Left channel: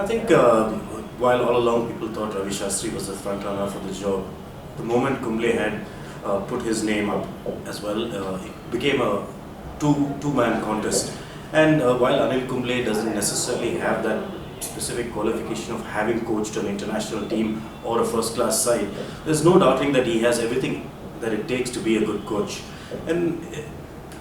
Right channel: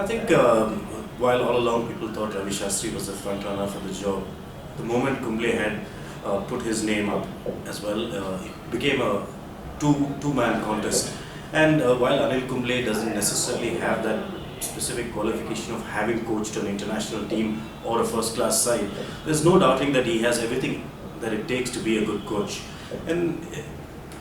I think while all along people thought Ravi Shastri was the front runner for the job, the moment Kumble had put his name up as well, it became a two-man contest. And while Anil Kumble doesn't necessarily have that specific qualification of having coached an international team or a first-class side, there's no doubting that he has everything that it takes to be a good coach. And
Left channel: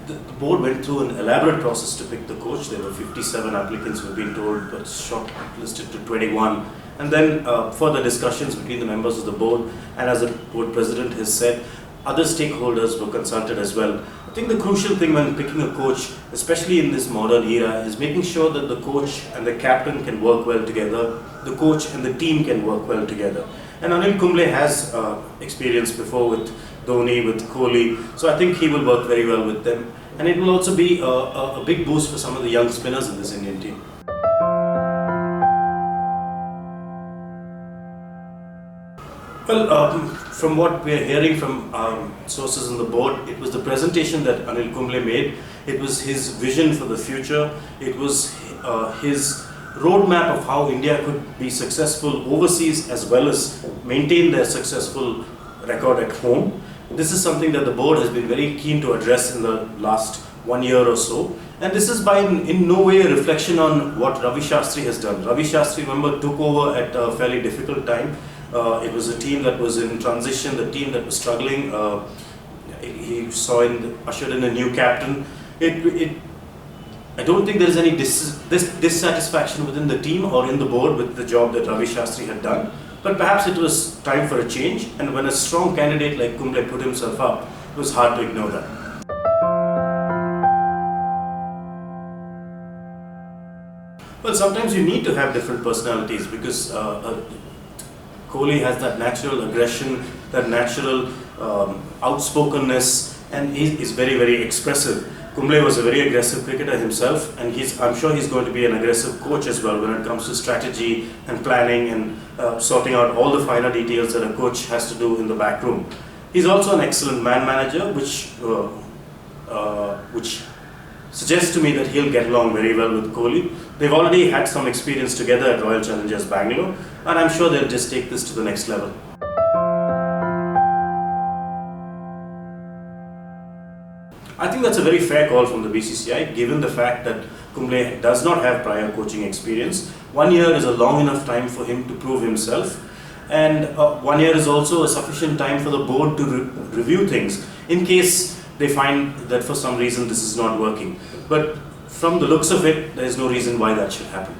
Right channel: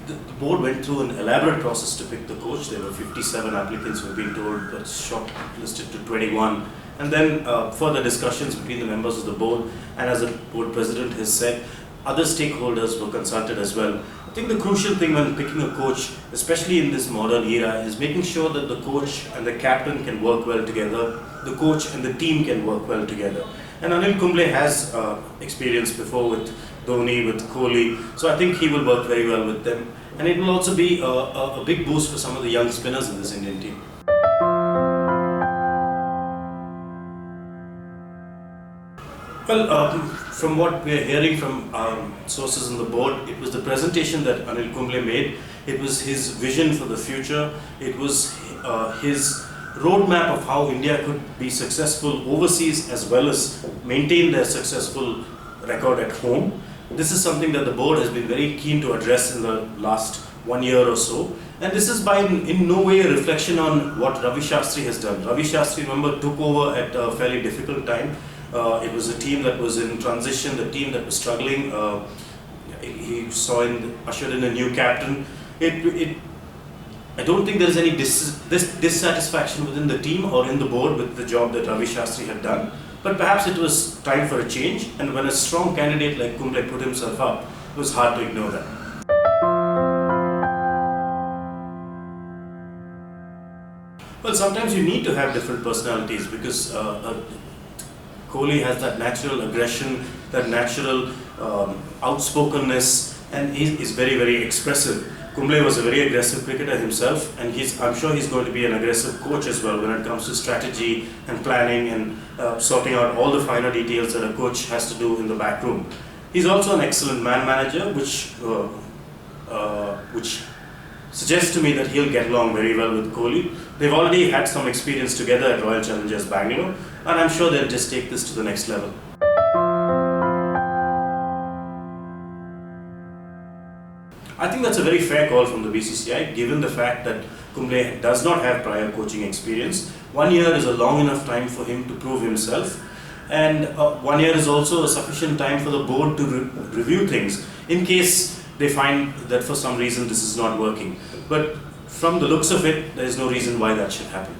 the board went through an elaborate process to pick the coach. There were 57 applicants, we've been told, but shortlisted to 21. And then further discussions between the members of the board, and as the board president has said, other stakeholders were consulted as well. I think the crucial thing when picking a coach, especially in this modern era, is making sure that the coach and the captain can work well together, the coach and the team can work well together. And Anil Kumble has experience before with Dhoni, with Kohli, so I think he will work very well with them. And it will also be a big boost for some of the young spinners in this Indian team. Well, from what we are hearing from sources on the board, it was the presentation that Anil Kumble made. It was his vision for the future. It was his roadmap of how India could be successful overseas as well as maintain their successful record at home. This is something that the board has been very keen to address in the last 1 year or so. And this is by in no way a reflection on what Ravi Shastri has done. Ravi Shastri, remember, took over at a fairly difficult time. It was a team that was in transition, the team that was struggling. He ushered in a new captain. I don't think there is any dissatisfaction within the team or in the board with the job that Ravi Shastri had done. But perhaps it was time for a change, and when a strong candidate like Kumble put himself up, it was hard to ignore that. Well, sometimes you need to have different personalities because Kohli has that natural aggression, that natural outspokenness, and he is very, very expressive. Kumble was a very aggressive cricketer himself, and I'm sure he's going to be an aggressive coach as well when it comes to strategy and planning and sorting out all the finer details that a coach has to do in the back room. He's also an excellent man manager, which suggests to me that he'll get along very well with Kohli. They've already had some experience together at Royal Challengers Bangalore, and I'm sure they'll just take this to the next level. I think that's a very fair call from the BCCI, given the fact that Kumble does not have prior coaching experience. 1 year is a long enough time for him to prove himself, and 1 year is also a sufficient time for the board to review things in case they find that for some reason this is not working. But from the looks of it, there is no reason why that should happen.